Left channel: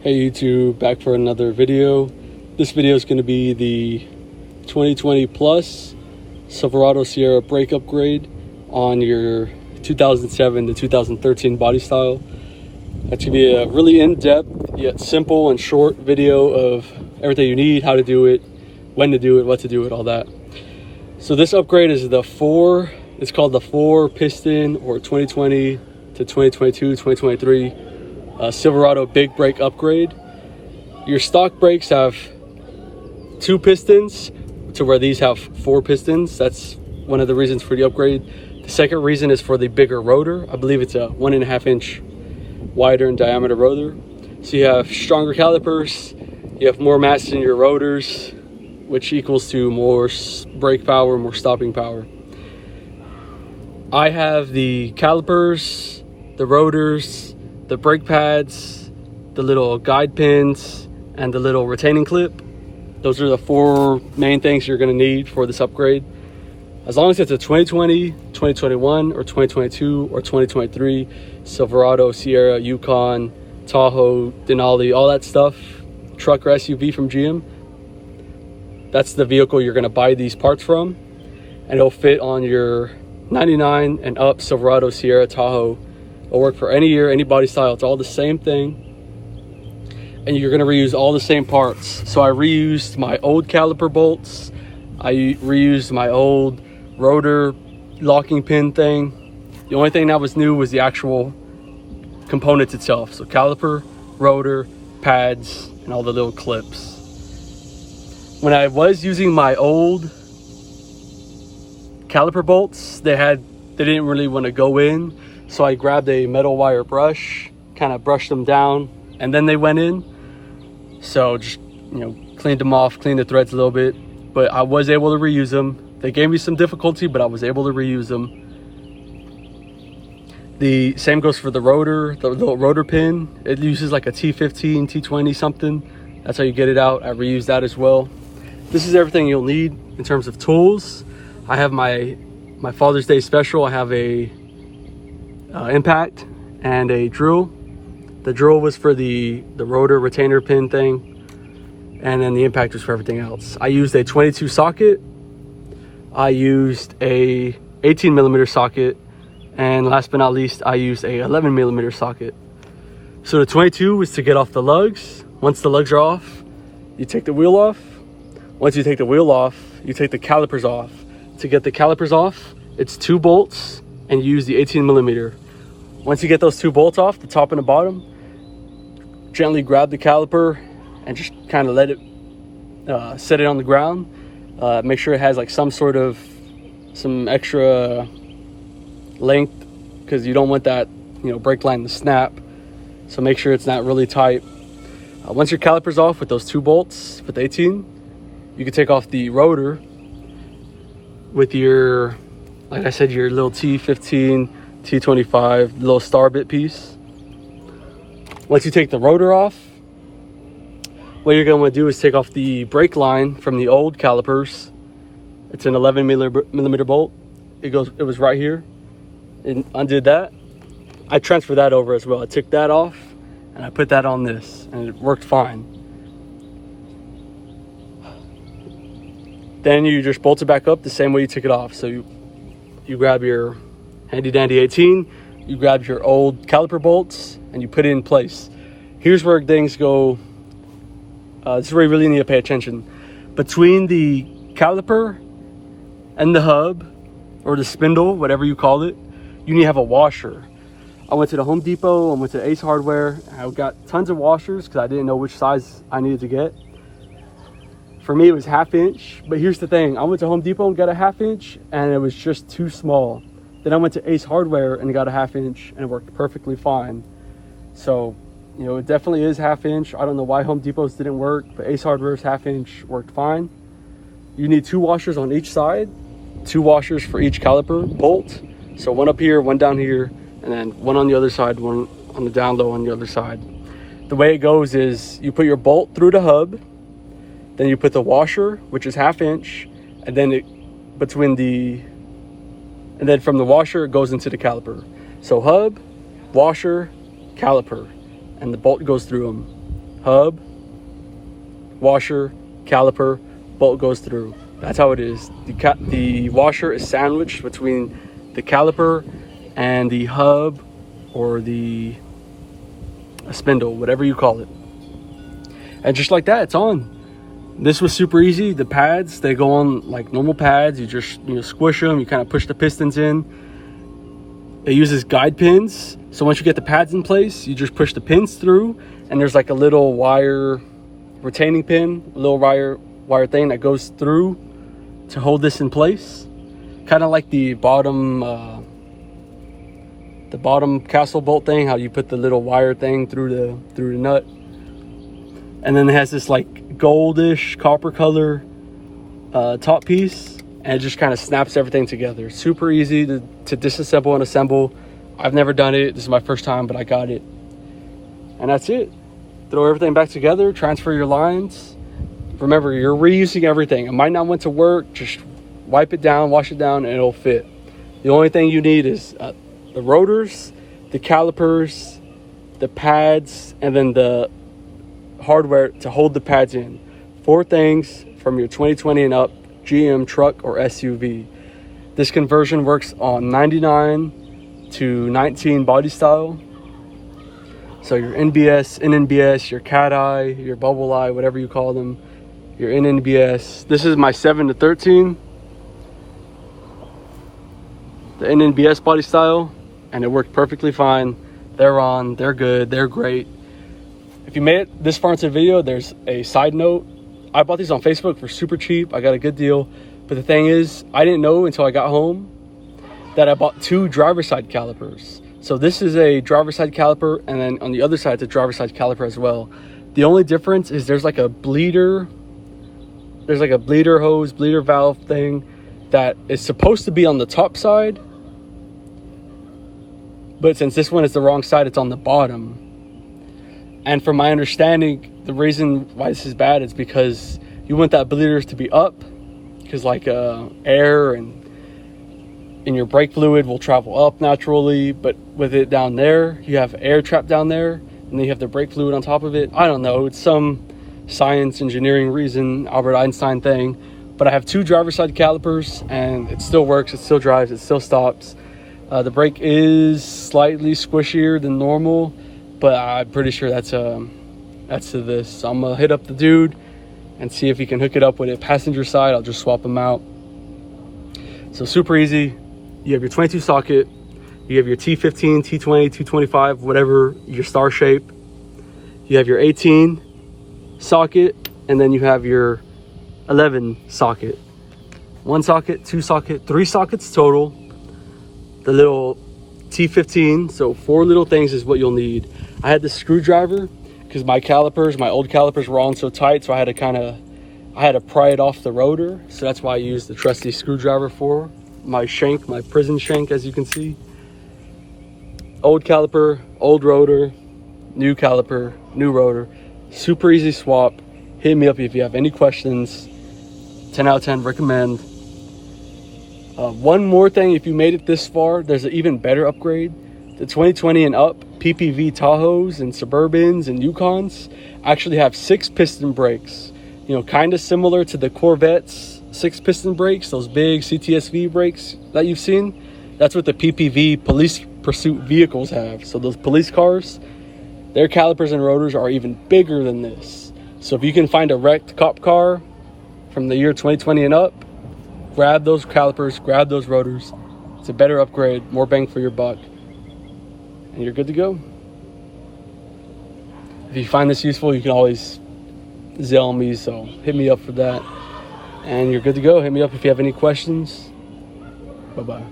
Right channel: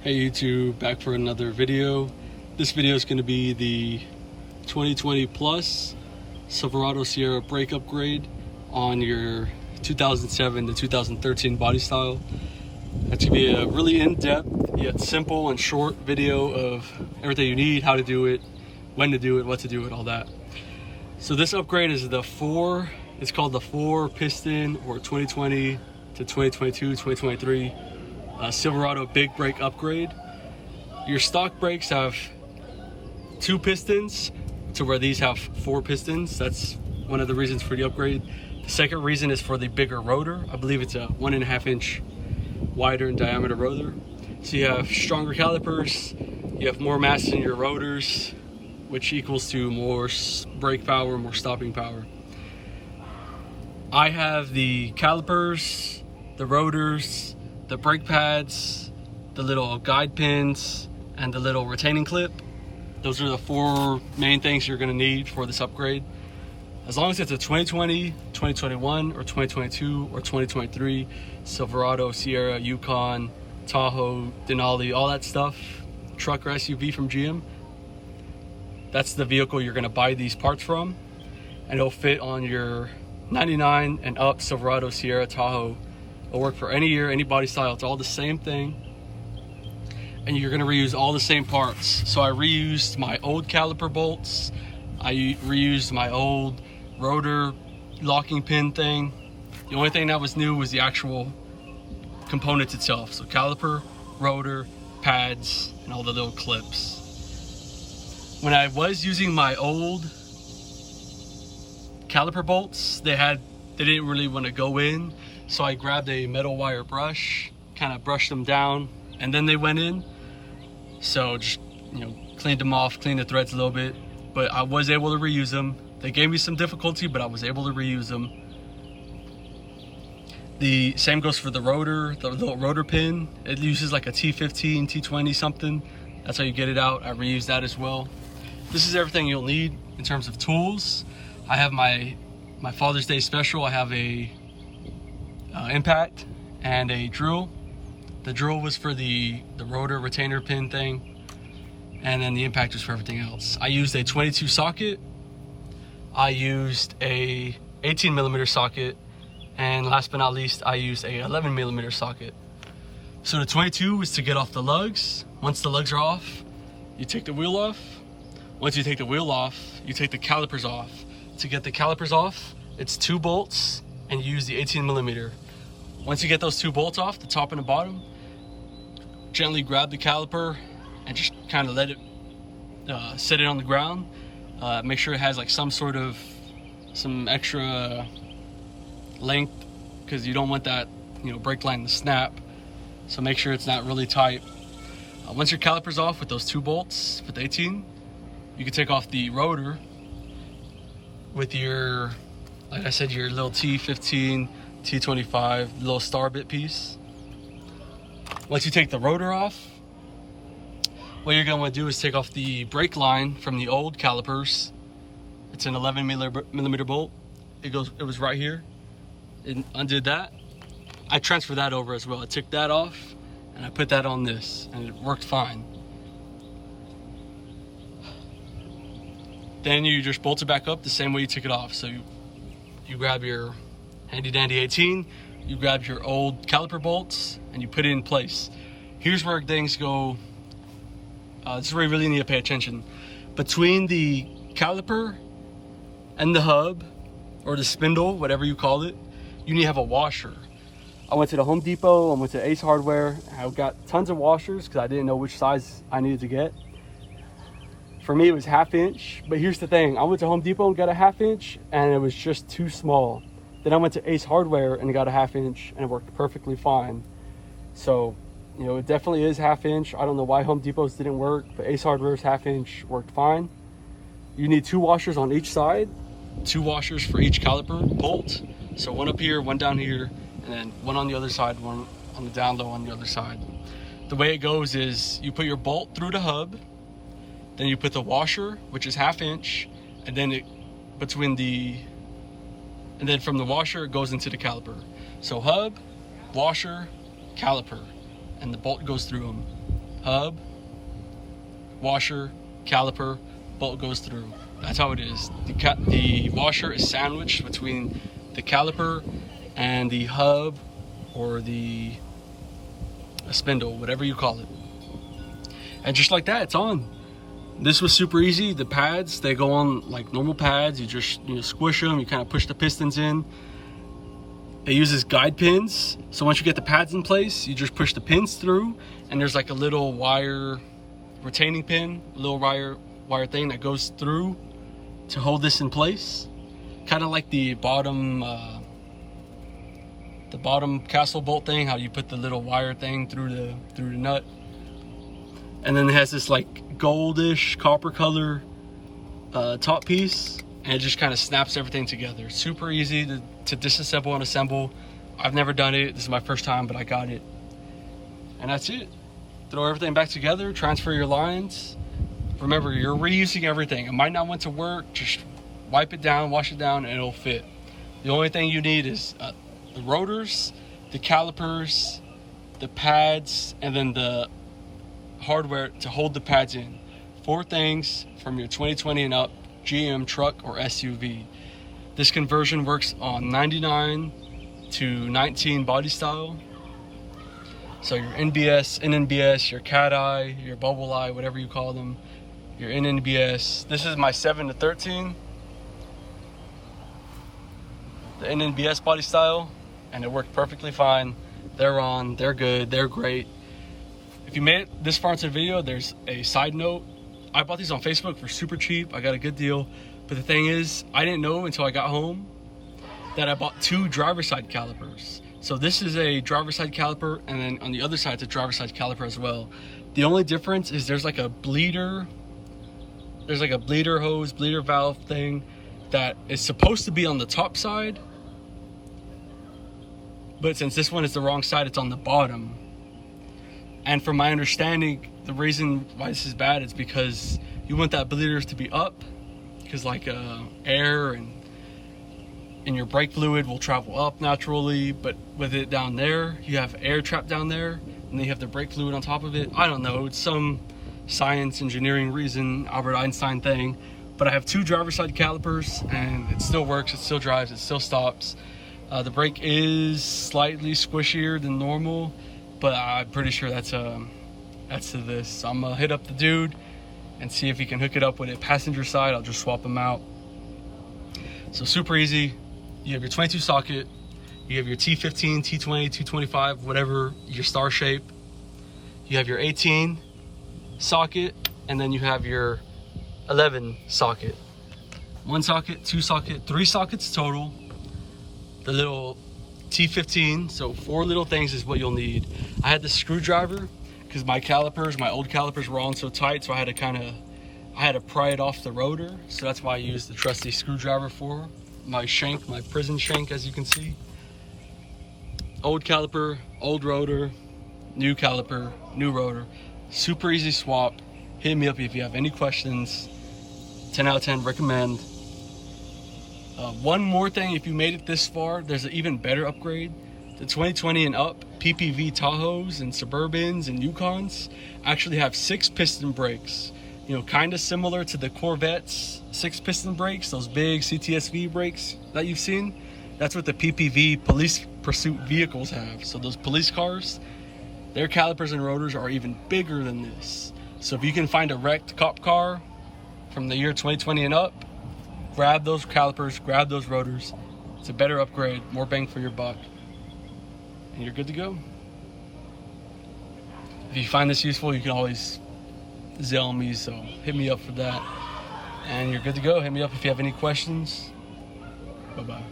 Hey YouTube, back for another video. This video is going to be the 2020 Plus Silverado Sierra brake upgrade on your 2007 to 2013 body style. That's going to be a really in-depth yet simple and short video of everything you need, how to do it, when to do it, what to do it, all that. So this upgrade is it's called the 4 piston or 2020 to 2022, 2023 Silverado big brake upgrade. Your stock brakes have 2 pistons to where these have 4 pistons. That's one of the reasons for the upgrade. The second reason is for the bigger rotor. I believe it's a 1.5 inch wider in diameter rotor. So you have stronger calipers, you have more mass in your rotors, which equals to more brake power, more stopping power. I have the calipers, the rotors, the brake pads, the little guide pins, and the little retaining clip. Those are the 4 main things you're going to need for this upgrade. As long as it's a 2020, 2021, or 2022, or 2023 Silverado, Sierra, Yukon, Tahoe, Denali, all that stuff, truck or SUV from GM, that's the vehicle you're going to buy these parts from, and it'll fit on your 99 and up Silverado, Sierra, Tahoe. It'll work for any year, any body style. It's all the same thing, and you're going to reuse all the same parts. So I reused my old caliper bolts, I reused my old rotor locking pin thing. The only thing that was new was the actual components itself. So caliper, rotor, pads, and all the little clips. When I was using my old caliper bolts, they didn't really want to go in. So I grabbed a metal wire brush, kind of brushed them down, and then they went in. So just, cleaned them off, cleaned the threads a little bit, but I was able to reuse them. They gave me some difficulty, but I was able to reuse them. The same goes for the rotor, the little rotor pin. It uses like a T15, T20 something. That's how you get it out. I reused that as well. This is everything you'll need in terms of tools. I have my Father's Day special. I have a impact and a drill. The drill was for the rotor retainer pin thing, and then the impact was for everything else. I used a 22 socket, I used a 18 millimeter socket, and last but not least, I used a 11 millimeter socket. So the 22 was to get off the lugs. Once the lugs are off, you take the wheel off. Once you take the wheel off, you take the calipers off. To get the calipers off, it's 2 bolts, and you use the 18 millimeter. Once you get those 2 bolts off, the top and the bottom, gently grab the caliper and just kind of let it set it on the ground. Make sure it has like some extra length, because you don't want that brake line to snap. So make sure it's not really tight. Once your caliper's off with those 2 bolts with 18, you can take off the rotor with your, like I said, your little T15, T25 little star bit piece. Once you take the rotor off, what you're going to want to do is take off the brake line from the old calipers. It's an 11 millimeter bolt. It was right here, and undid that. I transferred that over as well. I took that off and I put that on this, and it worked fine. Then you just bolt it back up the same way you took it off. So you grab your handy dandy 18, you grab your old caliper bolts, and you put it in place. Here's where things go. This is where you really need to pay attention. Between the caliper and the hub, or the spindle, whatever you call it, you need to have a washer. I went to the Home Depot, I went to Ace Hardware, I got tons of washers because I didn't know which size I needed to get. For me, it was 1/2 inch, but here's the thing. I went to Home Depot and got a 1/2 inch, and it was just too small. Then I went to Ace Hardware and got a 1/2 inch, and it worked perfectly fine. So, it definitely is 1/2 inch. I don't know why Home Depot's didn't work, but Ace Hardware's 1/2 inch worked fine. You need 2 washers on each side, 2 washers for each caliper bolt. So 1 up here, 1 down here, and then 1 on the other side, 1 on the down low on the other side. The way it goes is you put your bolt through the hub, then you put the washer, which is 1/2 inch, and then and then from the washer it goes into the caliper. So hub, washer, caliper, and the bolt goes through them. hub, washer, caliper, bolt goes through. That's how it is. The washer is sandwiched between the caliper and the hub, or the spindle, whatever you call it. And just like that, it's on. This was super easy. The pads, they go on like normal pads. You just squish them, you kind of push the pistons in. It uses guide pins, so once you get the pads in place, you just push the pins through, and there's like a little wire retaining pin, a little wire thing that goes through to hold this in place, kind of like the bottom castle bolt thing, how you put the little wire thing through the nut. And then it has this like goldish copper color top piece, and it just kind of snaps everything together. Super easy to disassemble and assemble. I've never done it, this is my first time, but I got it. And that's it. Throw everything back together, transfer your lines. Remember, you're reusing everything. It might not want to work, just wipe it down, wash it down, and it'll fit. The only thing you need is the rotors, the calipers, the pads, and then the hardware to hold the pads in. 4 things from your 2020 and up GM truck or SUV. This conversion works on 99 to 19 body style. So your NBS, NNBS, your cat eye, your bubble eye, whatever you call them, your NNBS. This is my 7 to 13, the NNBS body style, and it worked perfectly fine. They're on, they're good, they're great. If you made it this far into the video, there's a side note. I bought these on Facebook for super cheap. I got a good deal. But the thing is, I didn't know until I got home that I bought 2 driver's side calipers. So this is a driver's side caliper, and then on the other side, it's a driver's side caliper as well. The only difference is there's like a bleeder hose, bleeder valve thing that is supposed to be on the top side. But since this one is the wrong side, it's on the bottom. And from my understanding, the reason why this is bad is because you want that bleeder to be up, because like air and your brake fluid will travel up naturally, but with it down there, you have air trapped down there, and then you have the brake fluid on top of it. I don't know, it's some science, engineering reason, Albert Einstein thing, but I have 2 driver's side calipers, and it still works, it still drives, it still stops. The brake is slightly squishier than normal, but I'm pretty sure that's to this. So I'm gonna hit up the dude and see if he can hook it up with a passenger side. I'll just swap them out. So super easy. You have your 22 socket, you have your T15, T20, 225, whatever your star shape. You have your 18 socket, and then you have your 11 socket. 1 socket, 2 socket, 3 sockets total. The little T15, so 4 little things is what you'll need. I had the screwdriver because my old calipers were on so tight, so I had to pry it off the rotor. So that's why I used the trusty screwdriver for my shank, my prison shank, as you can see. Old caliper, old rotor, new caliper, new rotor. Super easy swap. Hit me up if you have any questions. 10 out of 10, recommend. One more thing, if you made it this far, there's an even better upgrade. The 2020 and up PPV Tahoes and Suburbans and Yukons actually have 6 piston brakes. Kind of similar to the Corvette's 6 piston brakes, those big CTSV brakes that you've seen. That's what the PPV police pursuit vehicles have. So those police cars, their calipers and rotors are even bigger than this. So if you can find a wrecked cop car from the year 2020 and up, grab those calipers, grab those rotors. It's a better upgrade, more bang for your buck, and you're good to go. If you find this useful, you can always Zelle me, so hit me up for that. And you're good to go. Hit me up if you have any questions. Bye-bye.